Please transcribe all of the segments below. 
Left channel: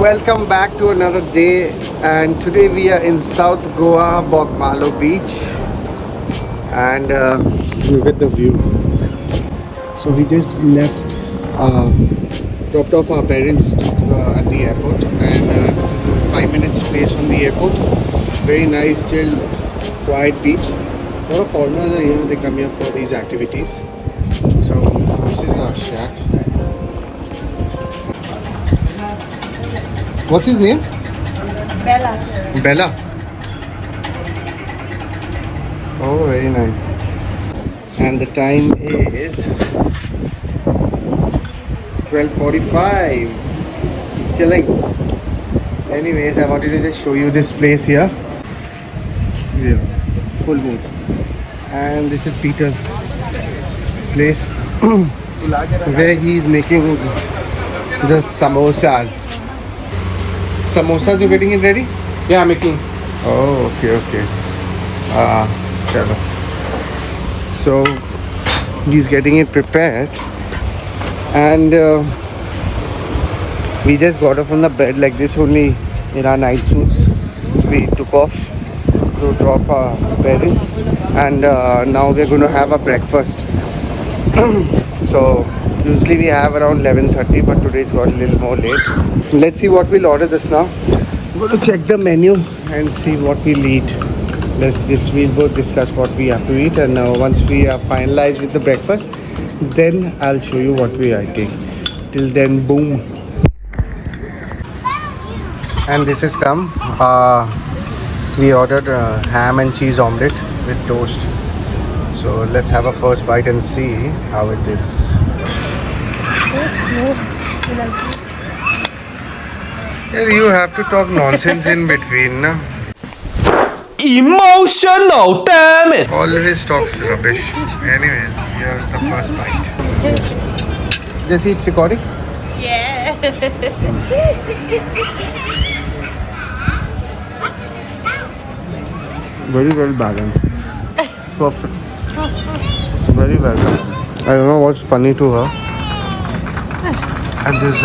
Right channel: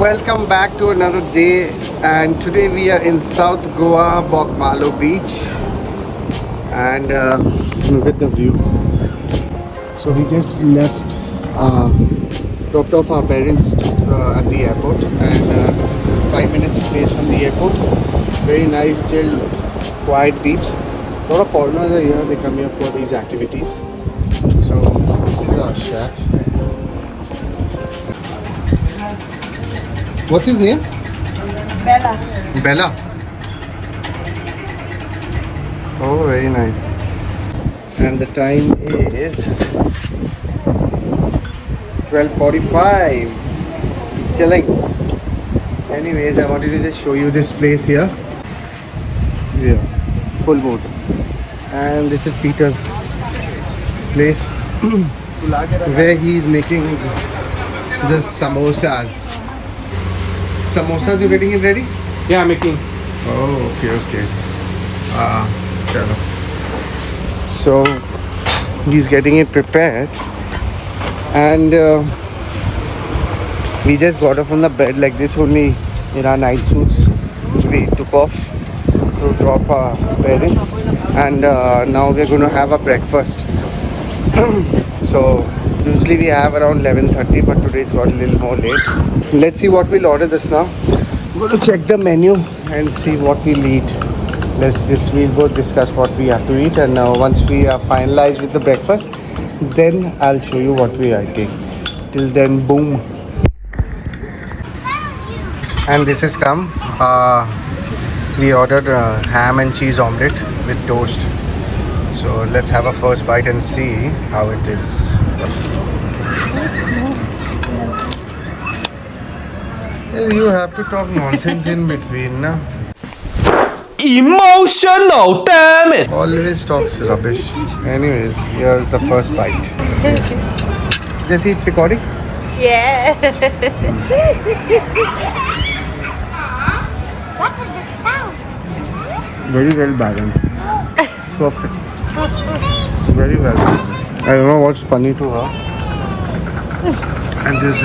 Welcome back to another day, and today we are in South Goa, Bogmalo Beach, and look at the view. So we just left, dropped off our parents at the airport, and this is 5 minutes place from the airport. Very nice, chill, quiet beach. A lot of foreigners are here, they come here for these activities. So this is our shack. What's his name? Bella. Bella. Oh, very nice. And the time is 12:45. It's chilling. Anyways, I wanted to just show you this place here. Yeah, full moon. And this is Peter's place where he's making the samosas. Samosas, you getting it ready? Yeah, making. Oh, okay. Chalo. So he's getting it prepared, and we just got up from the bed like this only in our night suits. We took off to drop our parents, and now we're going to have a breakfast. So usually we have around 11:30, but today it's got a little more late. Let's see what we'll order this now. I'm going to check the menu and see what we'll eat. We'll both discuss what we have to eat, and once we are finalized with the breakfast, then I'll show you what we are eating. Till then, boom. And this has come. We ordered a ham and cheese omelette with toast. So let's have a first bite and see how it is. You have to talk nonsense in between, na? Emotional, damn it! Always talks rubbish. Anyways, here's the first bite. This it's recording? Yeah. Very well balanced. Perfect. Very well balanced. I don't know what's funny to her. And this is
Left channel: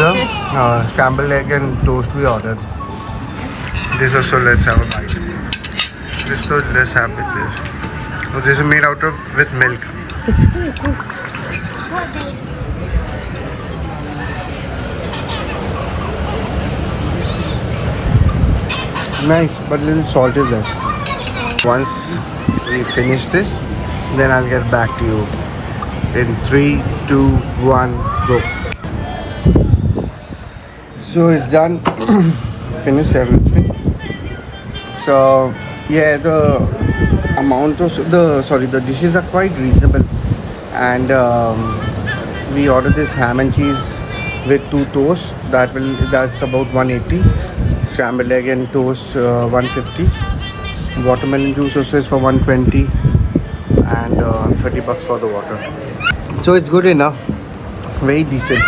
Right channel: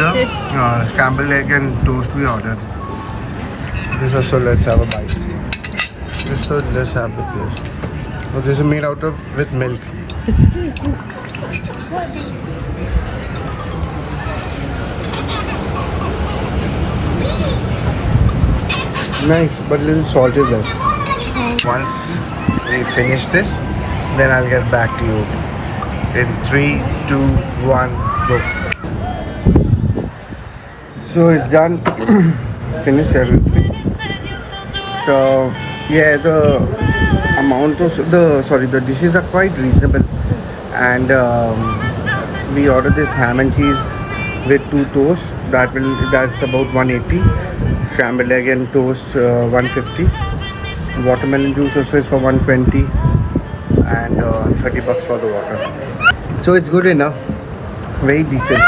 scrambled egg and toast we ordered. This also, let's have a bite. This toast, let's have with this. So this is made out of with milk. Nice, but a little salt is less. Once we finish this, then I'll get back to you. In 3, 2, 1, go. So it's done. Finished everything. So yeah, the dishes are quite reasonable, and we ordered this ham and cheese with 2 toasts. That's about 180. Scrambled egg and toast 150. Watermelon juice also is for 120, and 30 bucks for the water. So it's good enough, very decent,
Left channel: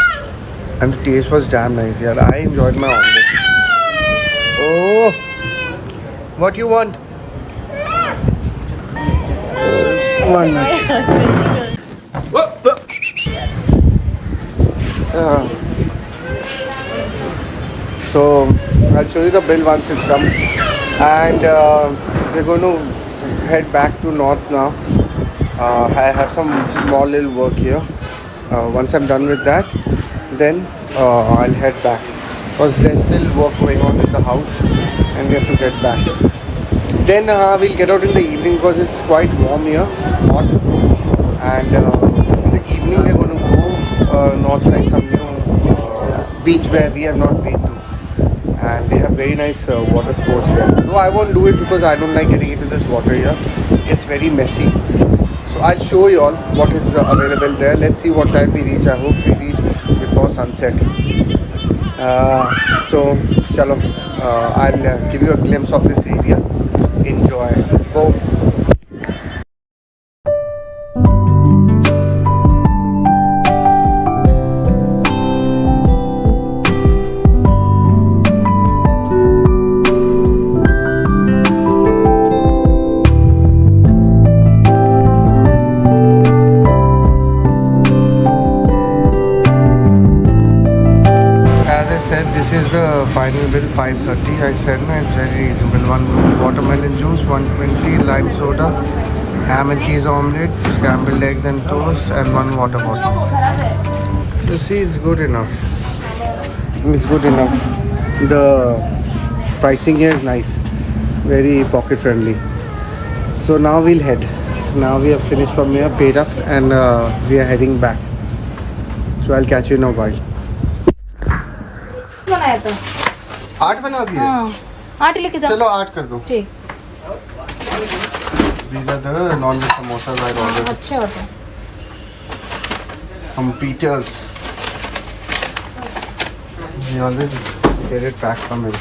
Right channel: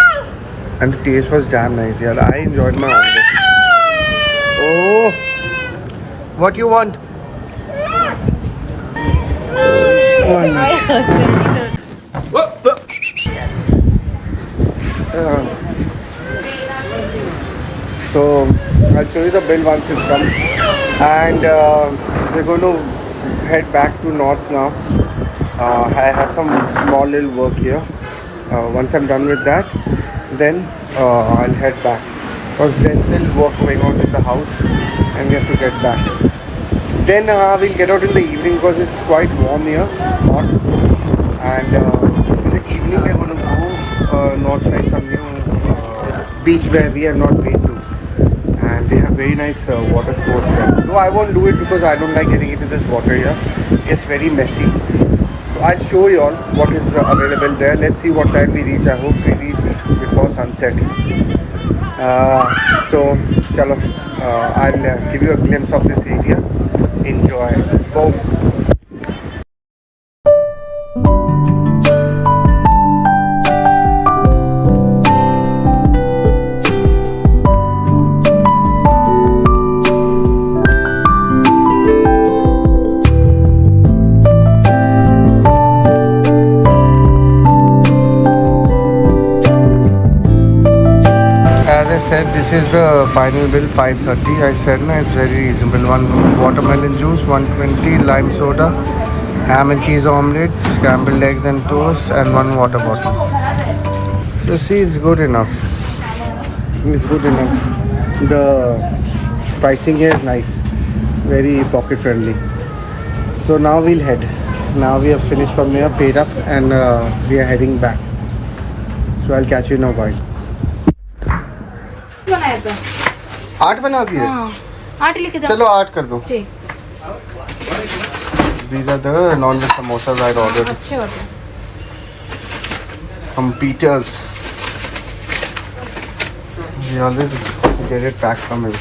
and the taste was damn nice. Yeah, I enjoyed my omelette. Oh, what you want? 1 minute. So I'll show you the bill once it's come, and we're going to head back to north now. I have some small little work here. Once I'm done with that, then I'll head back, because there's still work going on in the house and we have to get back. Then we'll get out in the evening, because it's quite warm here, hot, and in the evening we're going to go north side, some new beach where we have not been to, and they have very nice water sports there. No, I won't do it because I don't like getting into this water here. It's very messy. So I'll show you all what is available there. Let's see what time we reach. I hope we reach before sunset. So chalo, I'll give you a glimpse of this area. Enjoy. Boom. said this is the final bill, 530. I said no, it's very reasonable. One watermelon juice, 120, lime soda, ham and cheese omelette, scrambled eggs and toast, and one water bottle. So see, it's good enough. It's good enough. The pricing here is nice, very pocket friendly. So now we'll head. Now we have finished from here, paid up, and we are heading back. So I'll catch you in a while. बनाया तो 8 बना दिए. हाँ 8 लेके जाओ. चलो 8 कर दो. ठीक. These are the non-veg samosas I ordered अच्छे होते हैं. from Peter's. We always get it back from him.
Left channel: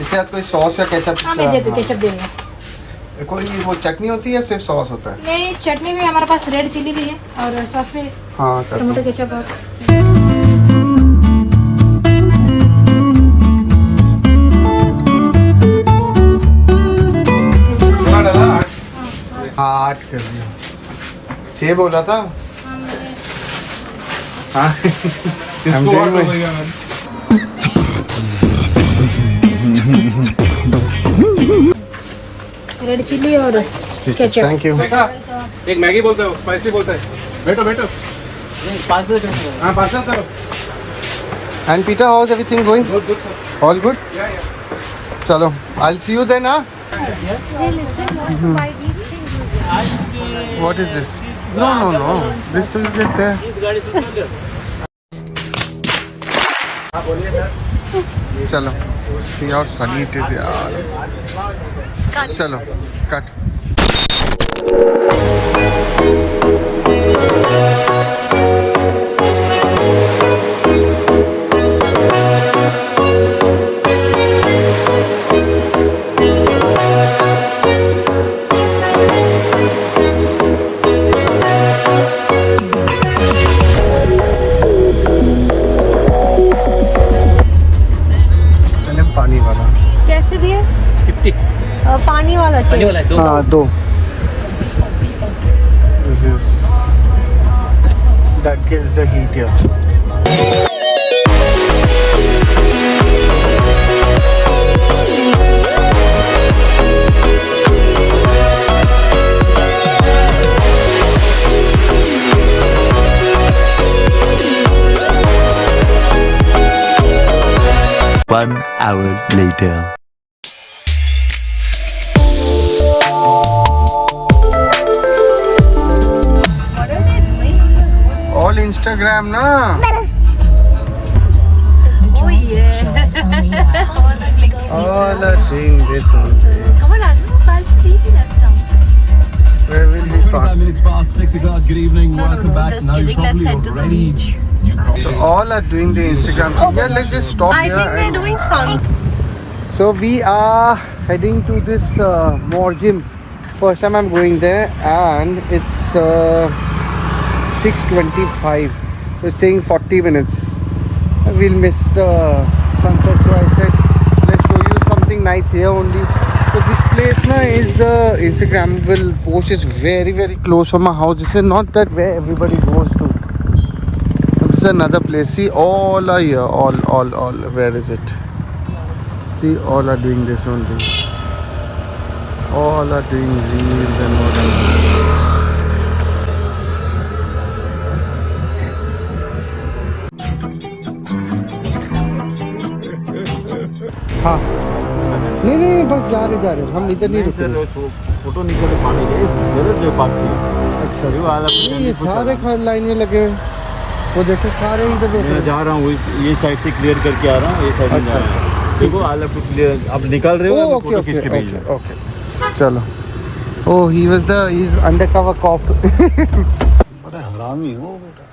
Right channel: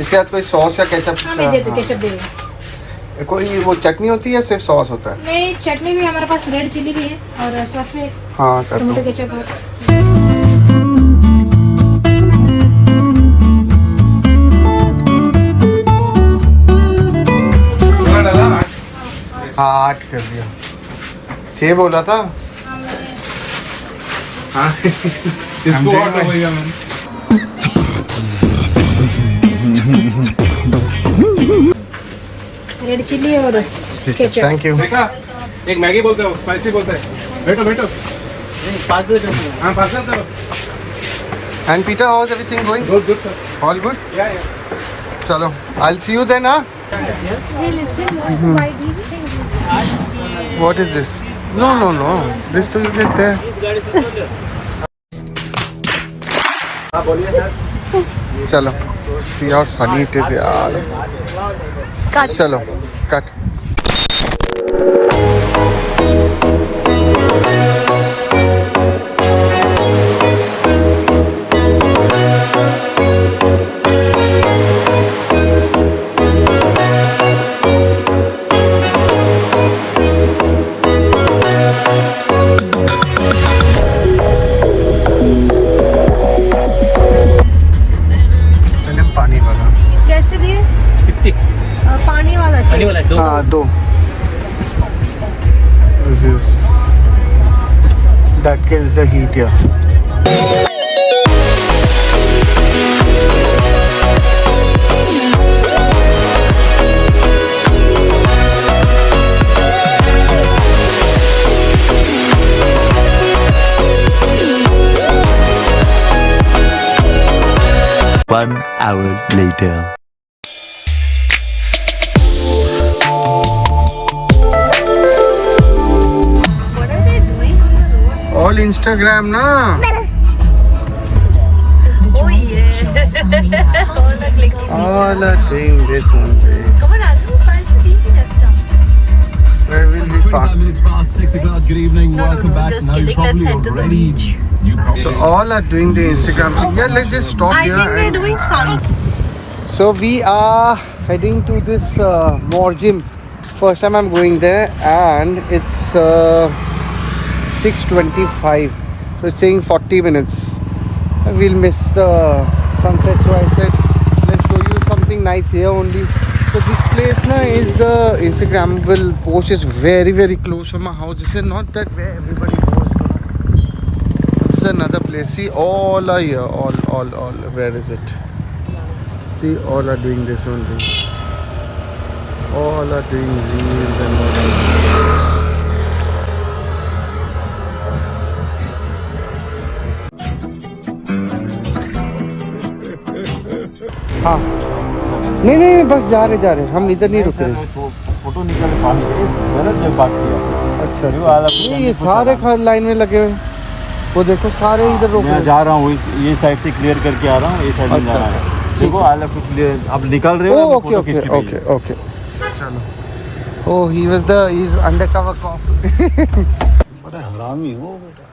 इसके साथ कोई सॉस या केचप? हाँ मैं देती केचप देंगे. कोई वो चटनी होती है या सिर्फ सॉस होता है? नहीं चटनी भी हमारे पास रेड चिली भी है और सॉस में हाँ कर टमाटो दो. केचप है. हाँ 8 कर दिया. 6 बोला था. हाँ इसको ऑर्डर होएगा मैंने. रेड चिली और केचप. Thank you. देखा एक मैगी बोलते हो स्पाइसी बोलता है. बैठो बैठो. हाँ पार्सल करो. And Peter, how's everything going? Good good sir. All good? या या. चलो, I'll see you then, huh? What is this? No. This too you get there. हाँ बोलिए सर. चलो. See how sunny it is, यार. Cut. चलो, cut. पानी वाला. कैसे भी है? 50. पानी वाला चाहिए. हाँ 2. This is that kills the heat here. One hour later. All Instagram na. Oh yeah. All are doing this only. Come on, I'll try to eat it. Where will we park? 5 minutes past 6 o'clock. Good evening. Welcome back. just Now you're kidding, probably let's head to the already. beach. So all are doing the Instagram thing. Yeah, let's just stop I here. think they're and- doing some. So we are heading to this more gym. First time I'm going there, and it's 6:25. So it's saying 40 minutes. We'll miss the sunset. So I said, let's show you something nice here only. So this place na is the Instagrammable post is very very close from my house. This is not that where everybody goes to. This is another place. See, all are here. All. Where is it? See, all are doing this only. All are doing reels and all. हाँ नहीं बस जा रहे हम इधर नहीं रुक रहे. फोटो निकल अच्छा नहीं ये सारे लाइन में लगे हुए. वो देखो सारे इधर रोक रहे. जा रहा हूँ ये साइड से क्लियर करके आ रहा हूँ. ये साइड में अच्छा, जा रहा है. देखो आई लव टू क्लियर. अब निकल रहे हो. ओके चलो. Oh, he's undercover cop. बड़ा हरामी हो बेटा.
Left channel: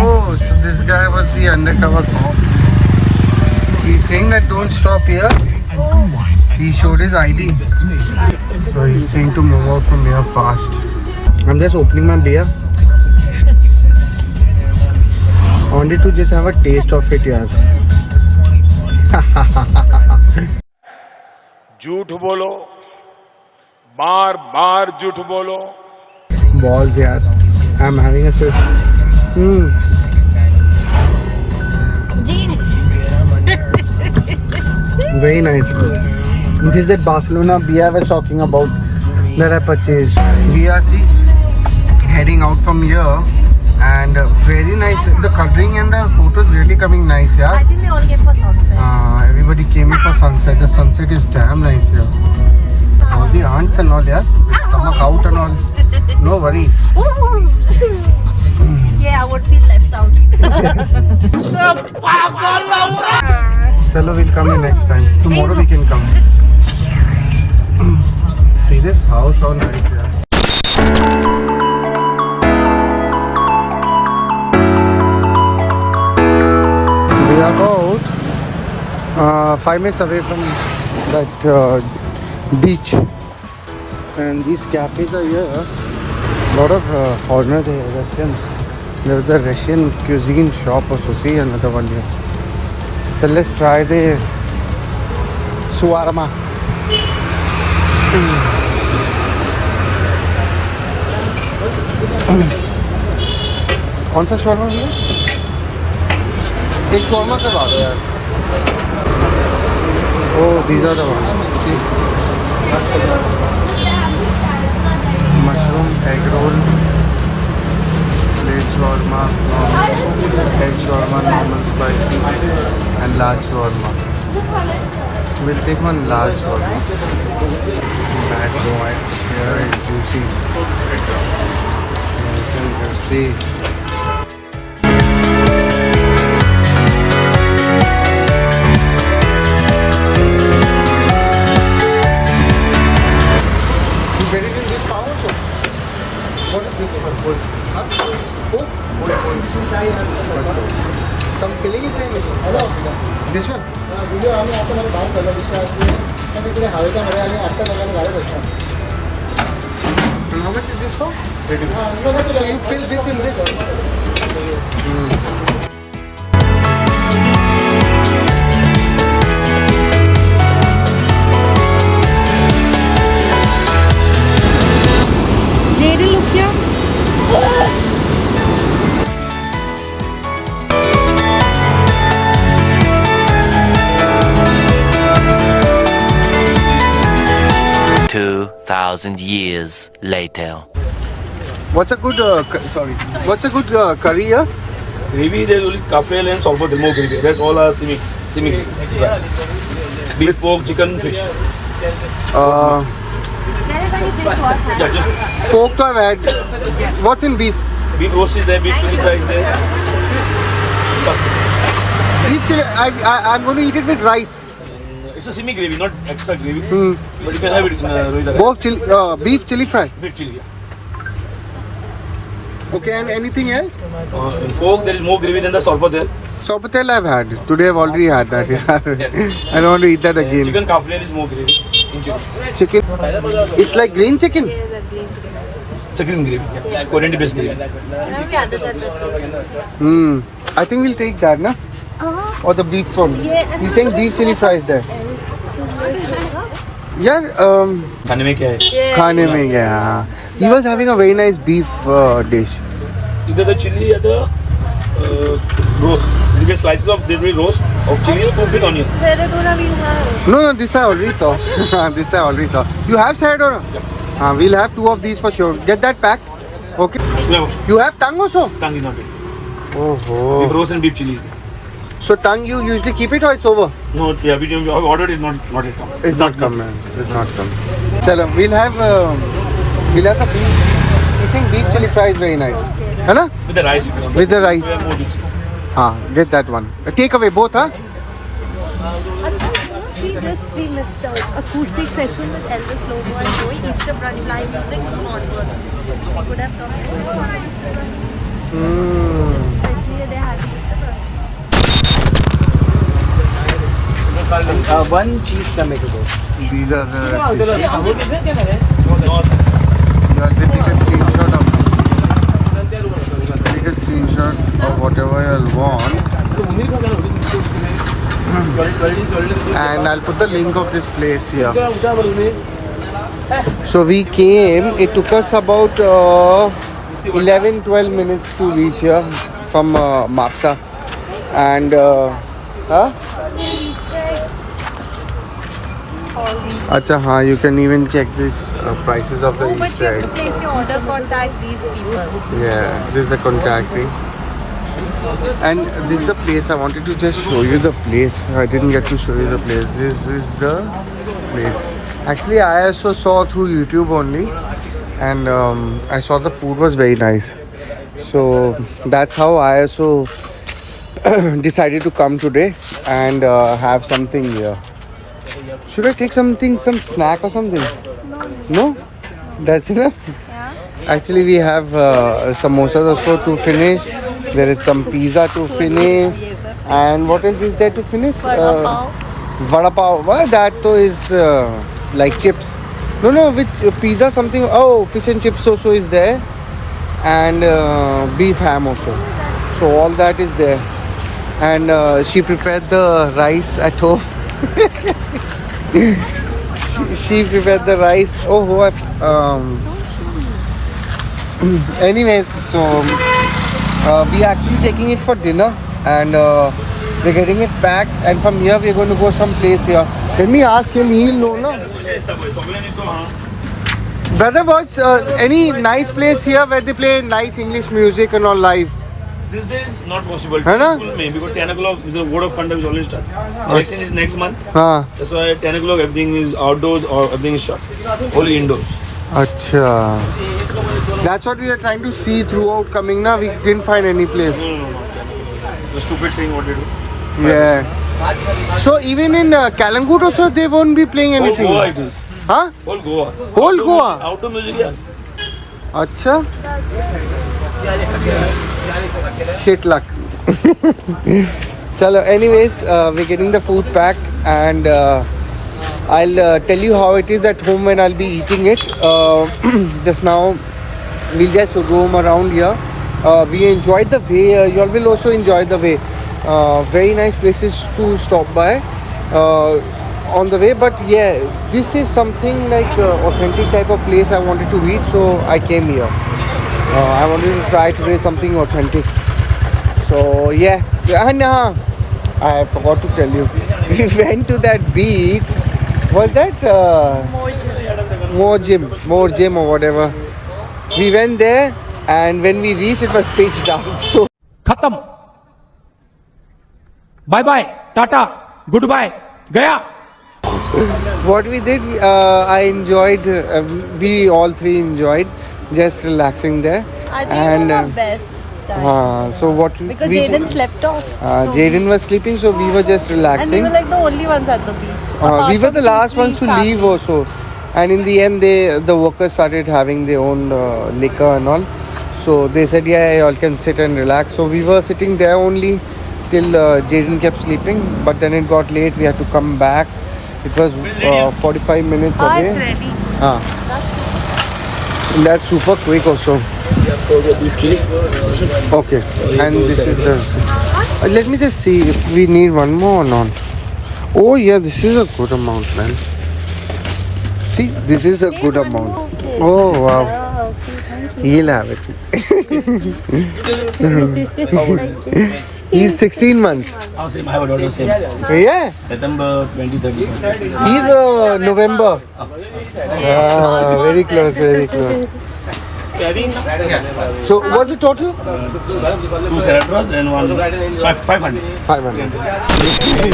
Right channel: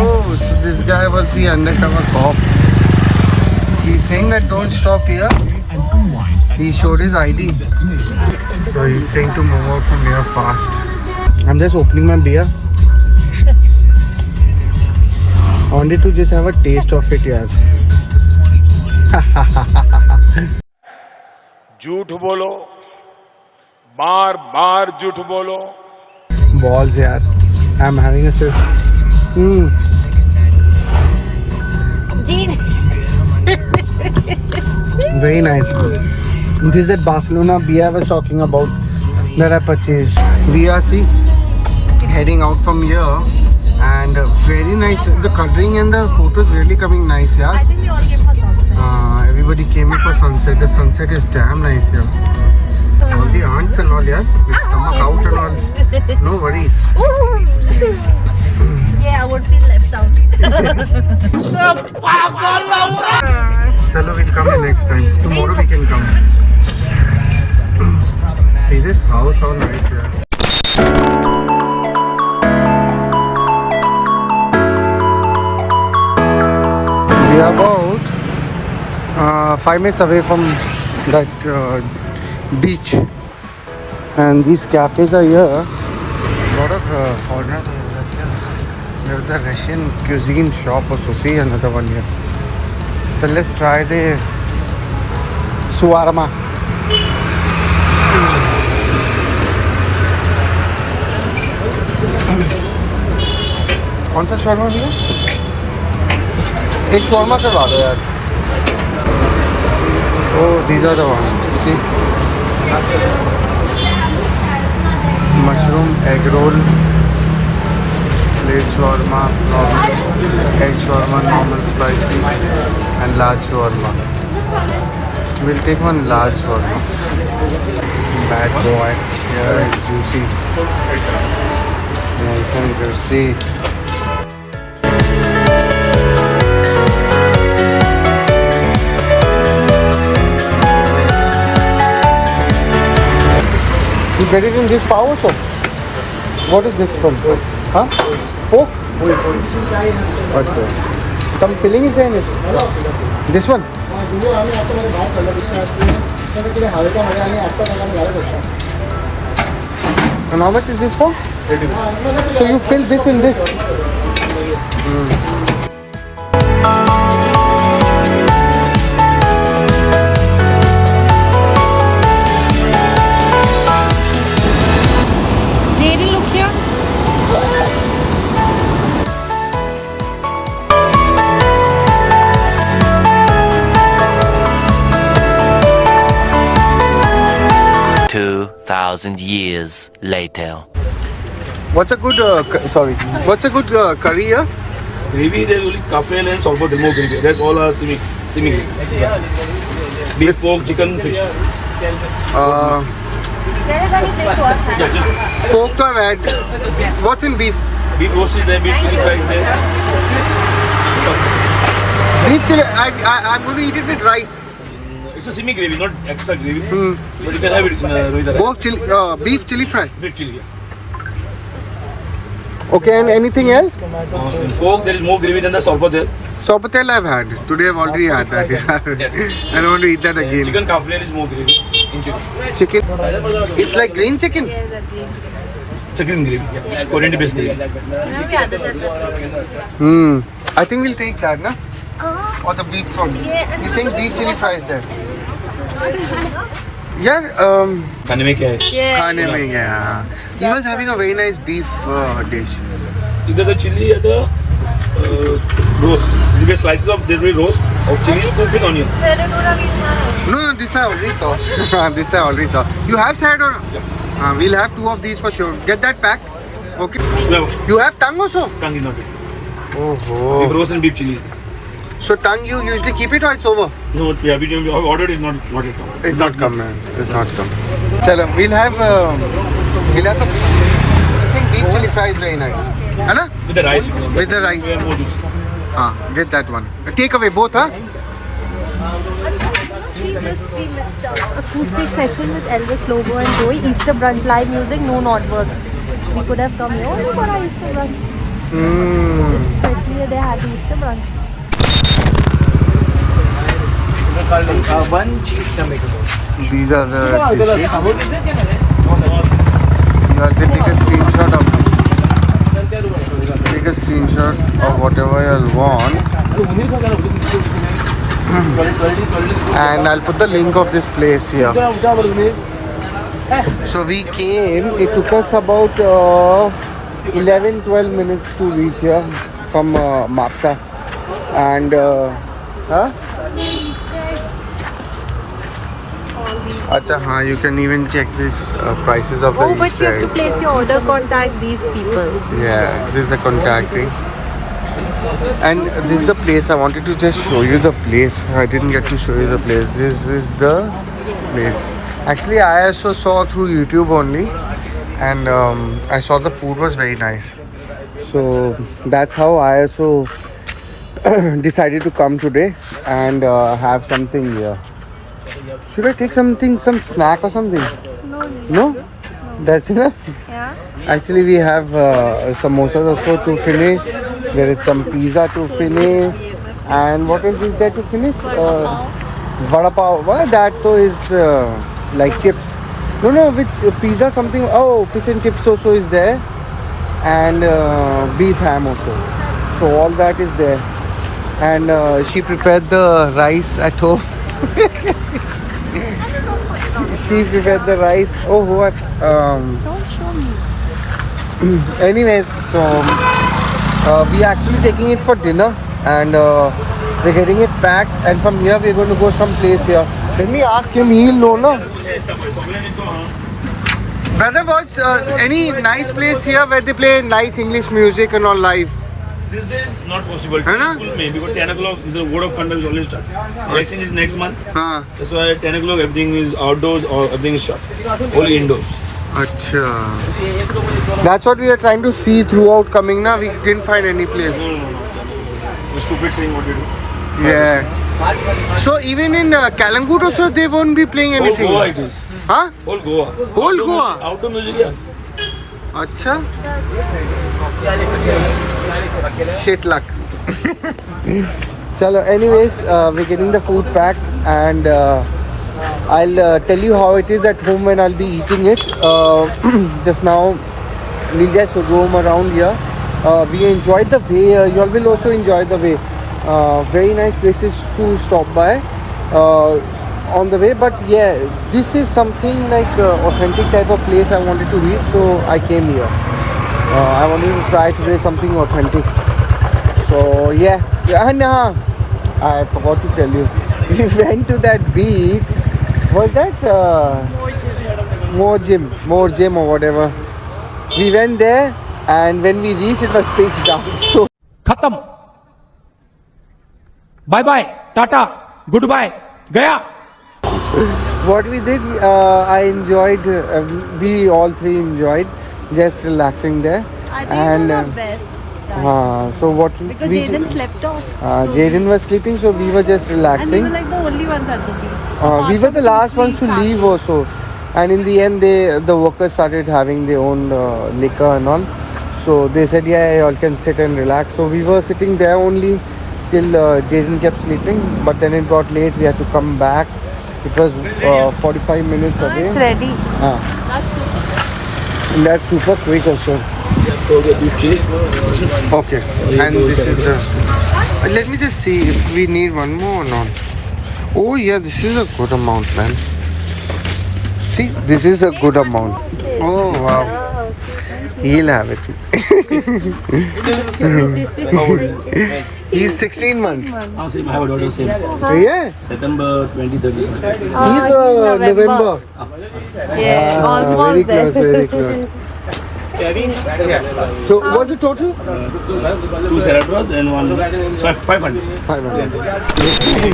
Oh, so this guy was the undercover cop. He's saying that don't stop here. He showed his ID. So he's saying to move out from here fast. I'm just opening my beer. I wanted to just have a taste of it, yaar. झूठ बोलो, बार बार झूठ बोलो. Balls, yaar. I'm having a sip. Very nice. This is a Barcelona beer I was talking about that I purchased. We are heading out from here, and very nice. The coloring and the photos really coming nice, yeah. I think they all came for sunset. Everybody came in for sunset. The sunset is damn nice here. All the aunts and all, yeah. With stomach out and all. No worries. Yeah, I would feel left out. Chalo, we'll come in next time. Tomorrow we can come. See this house, how nice here. We are about 5 minutes away from that beach, and these cafes are here. A lot of foreigners are Russians. There's a Russian cuisine shop also. See another one here. So let's try the shawarma. कौन सा shawarma? एक shawarma करवा दो यार. Oh, these are the ones. See, mushroom egg roll, egg shawarma, normal spicy, and large shawarma. We'll take one large shawarma. Bad boy. Here is juicy. Nice and juicy. You get it in this power soap? What is this from? Huh? Pork? What's it? Some filling is there in it? This one? And how much is this for? So you fill this in this? Maybe look here. Two 2,000 years later. What's a good, what's a good curry here? Gravy, there's only kafel and sambar, more gravy. That's all are semi. Beef, pork, chicken, fish. Pork to have had. What's in beef? Beef roast is there, beef chili fry is there. Beef chili, I'm going to eat it with rice. It's a semi gravy, not extra gravy. So you can have it with Pork chili, beef chili fry. beef chili. Okay, and anything else? In pork, there is more gravy than the sorba there. Sopatel I've had. Today I've already had that. Yeah. I don't want to eat that again. Chicken kafle is more gravy. In chicken. Chicken. It's like green chicken. It's a green gravy. Yeah, it's Korean based gravy. I think we'll take that, na? Or the beef from. He's saying beef chili fries there. Yeah. खाने में क्या है? खाने में क्या? He was having a very nice beef dish. Either the chili or the roast. You get slices of this roast or chili or big onion. No, this I already saw. This I already saw. You have salad or no? Yeah. We'll have 2 of these for sure. Get that packed. Okay. No, You have tongue also? tongue is not. Oh. Beef roast and beef chili. So tongue you usually keep it or it's over? No, yeah, we have ordered it, not it. It's not come, man. It's not come. Chalo, we'll have the beef. He's saying beef chili fry is very nice. Hala? With the rice. With the rice. More juicy. Get that one. Take away both, huh? See this, we missed out. Acoustic session with Elvis Lobo and Joey. Easter brunch, live music, no non-work. We could have come here. Oh, for our Easter brunch. Especially they had Easter brunch. One cheese tomato. These are the dishes. You have to take a screenshot of it. Take a screenshot of whatever you want. And I'll put the link of this place here. So we came, it took us about 11-12 minutes to reach here from Mapsa. And Acha, haan, you can even check this prices of the Oh, but Easter you eggs. place your order, contact these people. Yeah, this is the contacting. And this is the place. I wanted to just show you the place. I didn't get to show you the place. This is the place. Actually, I also saw through YouTube only. And I saw the food was very nice. So that's how I also decided to come today and have something here. Should I take something, some snack or something? No? That's enough? Actually, we have samosas also to finish. There is some pizza to finish. And what is this there to finish? Vada pav. Well, that too is like chips. No, with pizza something. Oh, fish and chips also is there. And beef ham also. So all that is there. And she prepared the rice at home. she prepared the rice. Oh, what? Anyways, so we are actually taking it for dinner, and we're getting it packed. And from here, we're going to go some place here. Let me ask him. He'll know, no? Brother, what's any nice place here where they play nice English music and all live? This day is not possible. है ना? Full May because 10 o'clock the word of conduct is already start. Election is next month. हाँ. That's why at 10 o'clock everything is outdoors or everything is shut. Only indoors. Acha. That's what we are trying to see throughout coming now. We didn't find any place. The stupid thing what you do. Yeah. So even in Kalangut also they won't be playing Whole anything. Goa it is. Huh? Whole Goa. Whole Goa? Outdoor music, yeah. Acha. Shit luck. Chalo, anyways, we're getting the food packed, and I'll tell you how it is at home when I'll be eating it. Just now, we just roam around here. We enjoyed the way. You all will also enjoy the way. Very nice places to stop by on the way. But yeah, this is something like authentic type of place I wanted to reach, so I came here. I wanted to try today something authentic. So yeah, and I forgot to tell you. We went to that beach. Was that More Gym or whatever? We went there, and when we reached, it was pitch dark. So खत्म bye bye tata goodbye गया what we did, I enjoyed. We all three enjoyed just relaxing there. I think And it was the best. so what Because we Jaden slept off. Jaden was sleeping, so we were just And we relaxing. were like the only ones at the beach. We were the last ones to leave also, and in the end, the workers started having their own liquor and all. So they said, yeah, you all can sit and relax. So we were sitting there only till Jaden kept sleeping. But then it got late. We had to come back. It was 45 minutes Ah, away. it's ready. And that's super quick also. Okay, and this is the. Let me just see if we need one more or not. Oh yeah, this is a good amount, man. See, this is a good amount. Oh wow, he'll have it. He's 16 months. I have a daughter same. Yeah, September 2030. he's November. Very close, very close. So what's the total? 2 Celebras and 500. 500.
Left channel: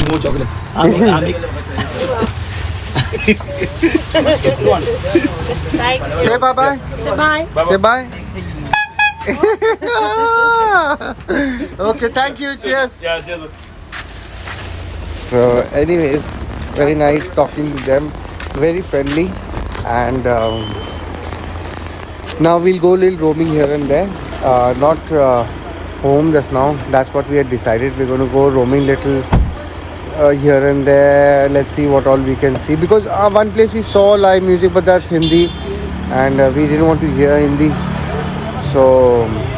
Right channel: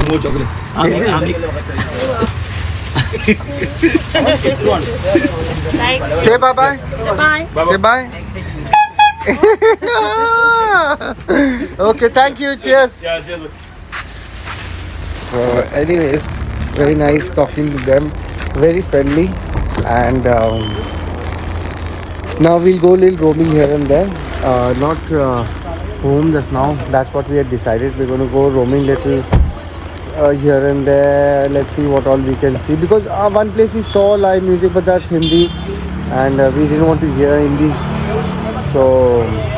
More chocolate. Say bye bye. Bye. Say bye. Okay, thank you. Cheers. Yeah, cheers. So, anyways, very nice talking to them. Very friendly, and now we'll go a little roaming here and there. Not home just now. That's what we had decided. We're going to go roaming little here and there. Let's see what all we can see. Because one place we saw live music, but that's Hindi, and we didn't want to hear Hindi. So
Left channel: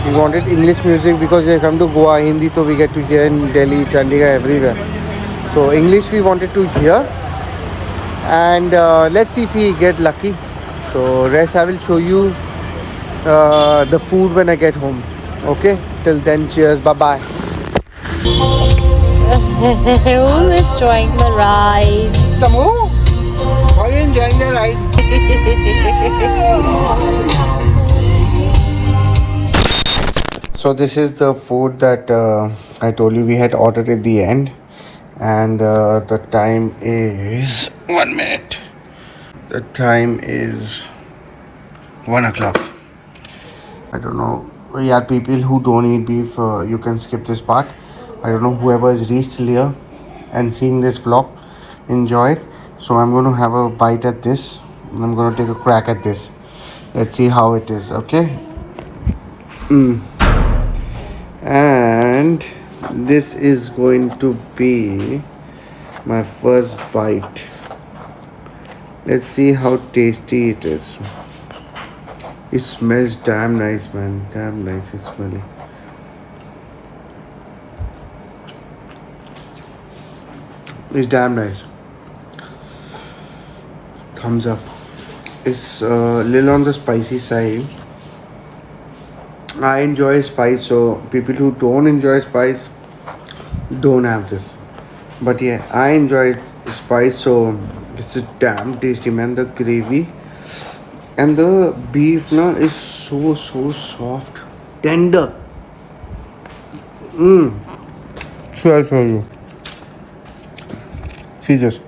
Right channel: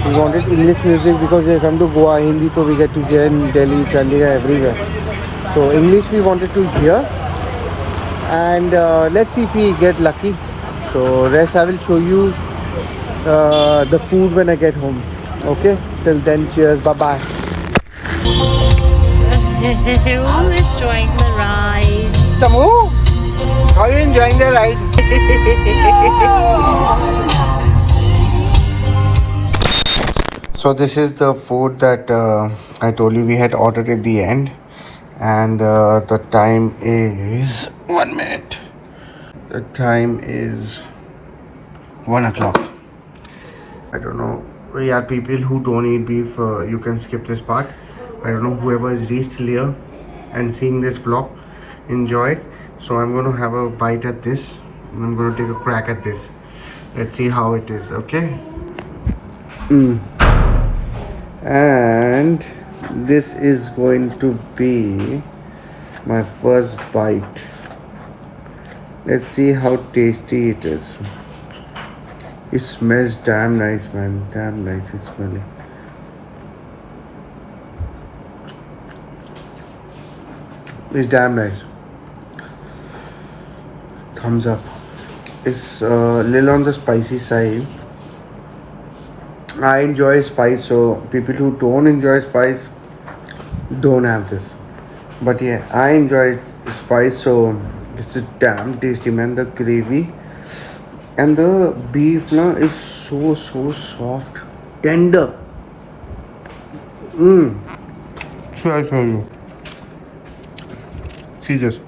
we wanted English music because we come to Goa, Hindi, so we get to hear in Delhi, Chandigarh, everywhere. So English we wanted to hear, and let's see if we get lucky. So rest I will show you the food when I get home. Okay, till then, cheers, bye bye. Who is enjoying the ride? Samu, are you enjoying the ride? So this is the food that I told you we had ordered at the end, and the time is 1 minute. The time is 1 o'clock. I don't know. We are people who don't eat beef. You can skip this part. I don't know whoever has reached here and seeing this vlog, enjoy it. So I'm going to have a bite at this. I'm going to take a crack at this. Let's see how it is. Okay. And this is going to be my first bite. Let's see how tasty it is. It smells damn nice, man. Damn nice it's smelling. It's damn nice. Thumbs up. It's a little on the spicy side. I enjoy spice, so people who don't enjoy spice don't have this. But yeah, I enjoy spice, so it's a damn tasty, man. The gravy and the beef is so soft, tender. So I'll show you. See this.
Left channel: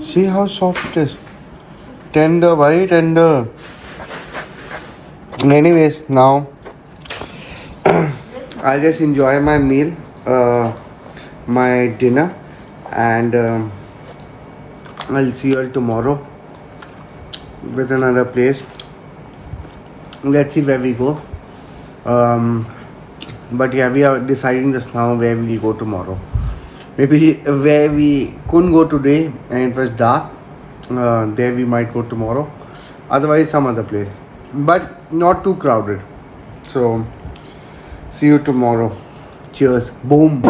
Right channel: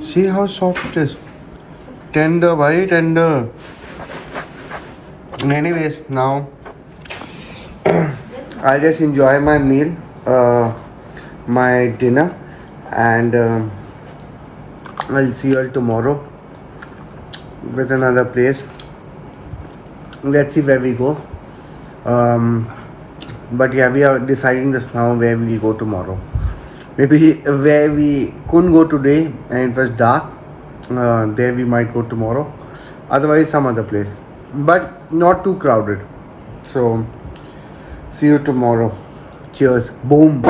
See how soft it is. Tender, very tender. Anyways, now I'll just enjoy my meal, my dinner, and I'll see you all tomorrow with another place. Let's see where we go. But yeah, we are deciding this now where we will go tomorrow. Maybe where we couldn't go today and it was dark, there we might go tomorrow. Otherwise, some other place, but not too crowded. So see you tomorrow. Cheers. Boom.